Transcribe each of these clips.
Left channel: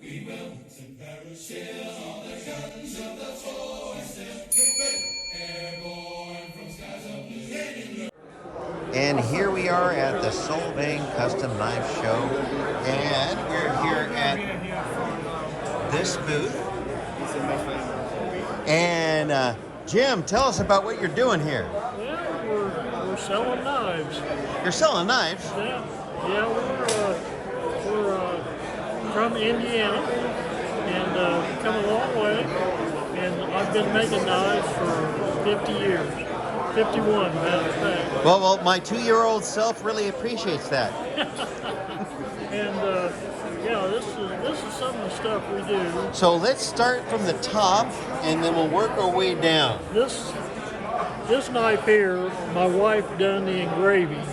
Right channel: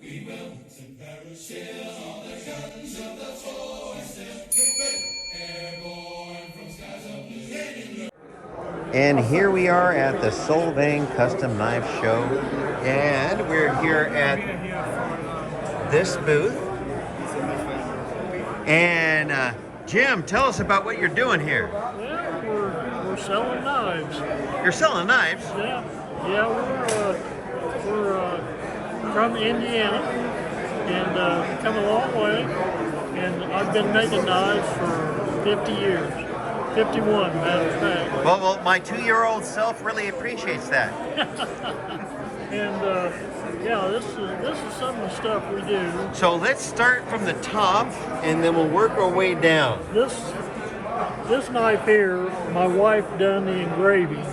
We will to parachute all the guns of the force. Airborne from skies of blue. And here we are at the Solvang Custom Knife Show, and we're here at this booth. And Jim, tell us about what you're doing here. Well, we're selling knives. You're selling knives? Yeah, we're from Indiana and come a long way. And I've been making knives for 50 years. 51, matter of fact. Well, my 2-year-old self really appreciates that. And yeah, this is some of the stuff we do. So let's start from the top, and then we'll work our way down. This knife here, my wife done the engraving.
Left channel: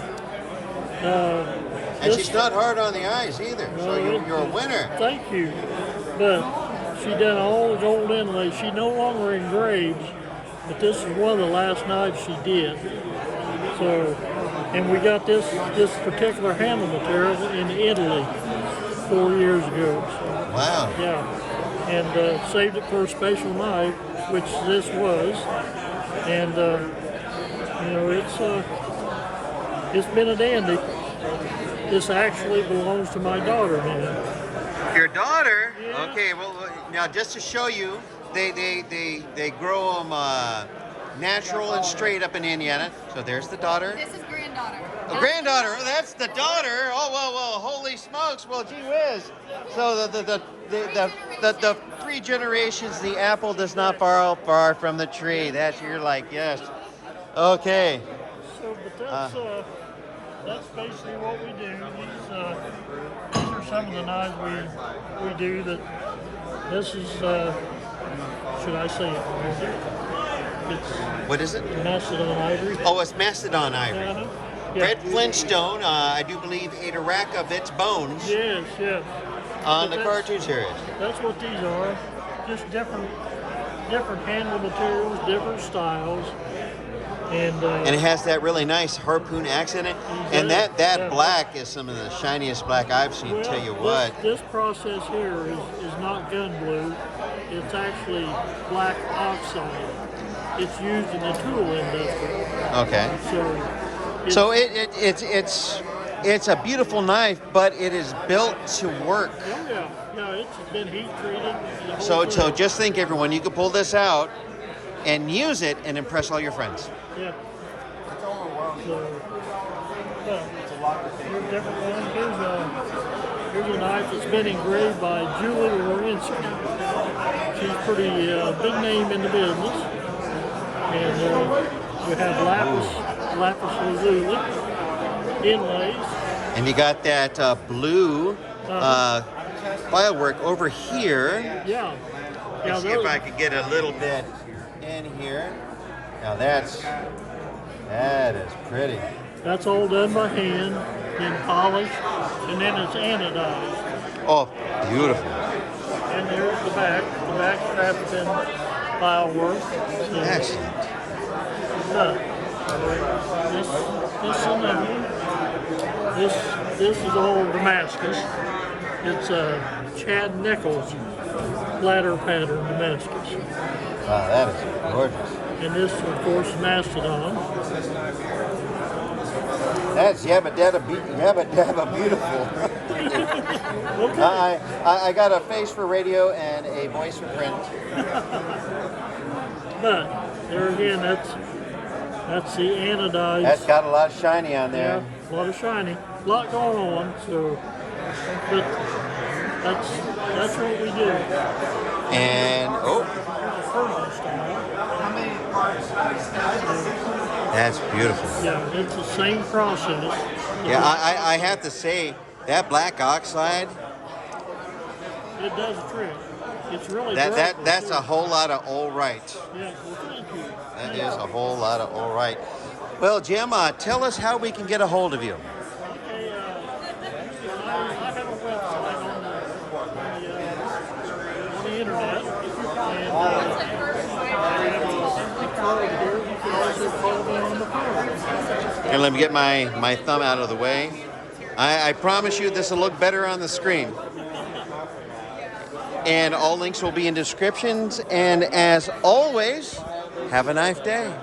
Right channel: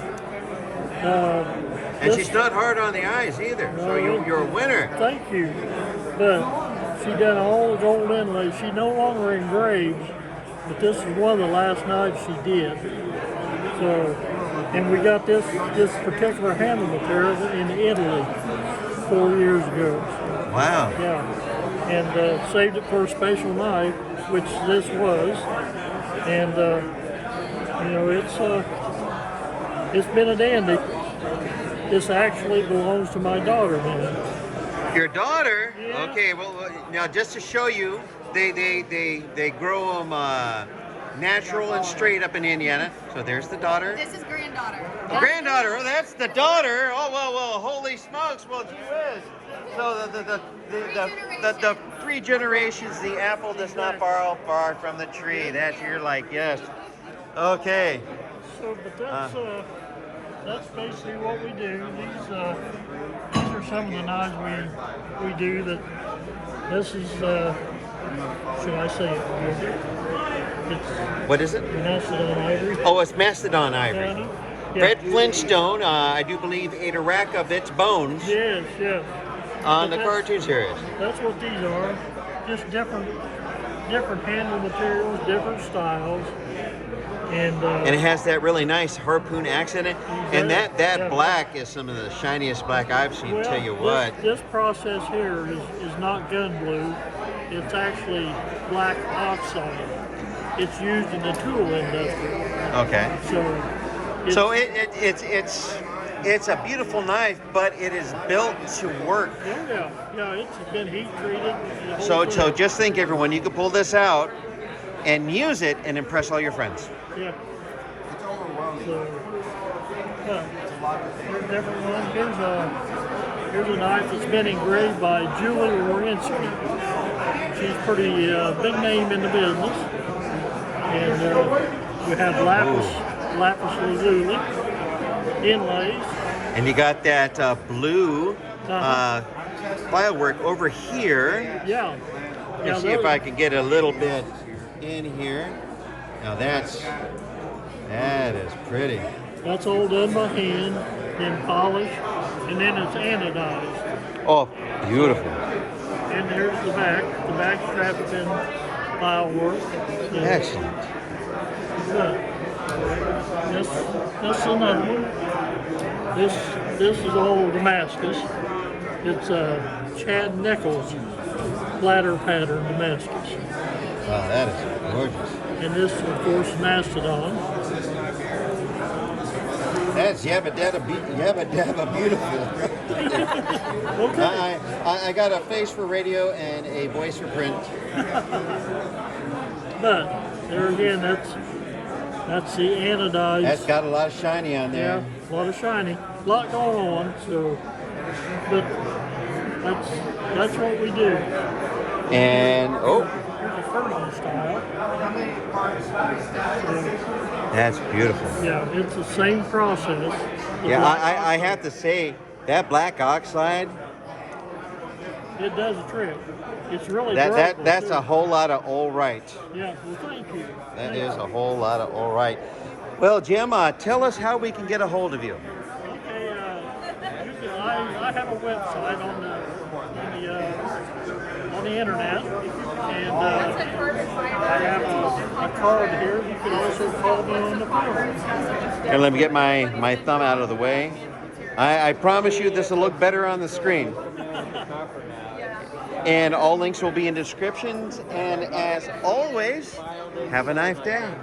And she's not hard on the eyes either, so you're a winner. Thank you. But she done all the gold inlays. She no longer engraves, but this is one of the last knives she did. So, and we got this particular handle material in Italy 4 years ago. So, wow. Yeah, and saved it for a special knife, which this was. And you know, it's been a dandy. This actually belongs to my daughter now. Your daughter? Yeah. Okay. Well, now just to show you, they grow them natural and straight up in Indiana. So there's the daughter. This is granddaughter. The granddaughter. Oh, that's the daughter. Oh well. Holy smokes. Well, gee whiz. So the 3 generations. The apple does not fall far from the tree. You're like, yes. Okay. So, but that's basically what we do. These are some of the knives we do. This is should I say it? What is it? Mastodon ivory. Oh, it's Mastodon ivory. Yeah. Fred Flintstone, I do believe, ate a rack of its bones. Yes. On the cartoon series. That's what these are. Just different handle materials, different styles. And it has that really nice harpoon accent in it. And that black is some of the shiniest black I've seen, well, tell you what. This process here is not gun blue. It's actually black oxide. It's used in the tool industry. Okay. So it's a beautiful knife, but it is built to work. Oh yeah, it's been heat treated. So just think, everyone, you could pull this out and use it and impress all your friends. Yeah. So, here's a different one. Here's a knife that's been engraved by Julie Warinsky. She's pretty big name in the business. And we have lapis lazuli inlays. And you got that blue firework over here. Yeah. Let's see if I can get a little bit in here. Now that is pretty. That's all done by hand, then polished, and then it's anodized. Oh, beautiful. And here's the back. The back strap's been file work. Excellent. This is another one. This is old Damascus. It's Chad Nichols ladder pattern Damascus. Wow, that is gorgeous. And this, of course, is Mastodon. That's yabba dabba beautiful. Okay. I got a face for radio and a voice for print. But there again, that's the anodized. That's got a lot of shiny on there. Yeah, a lot of shiny, a lot going on. So, but that's what we do. And here's a Furlong style. That's beautiful. Yeah, it's the same process. Yeah, I have to say that black oxide. It does a trick. It's really that's a whole lot of all right. Yeah, well, thank you. That is a whole lot of all right. Well, Jim, tell us how we can get a hold of you. Okay, I have a website on the internet, and I have a card here. You can also call me on the phone. And let me get my thumb out of the way. I promise you this will look better on the screen. And all links will be in descriptions. And as always, have a knife day.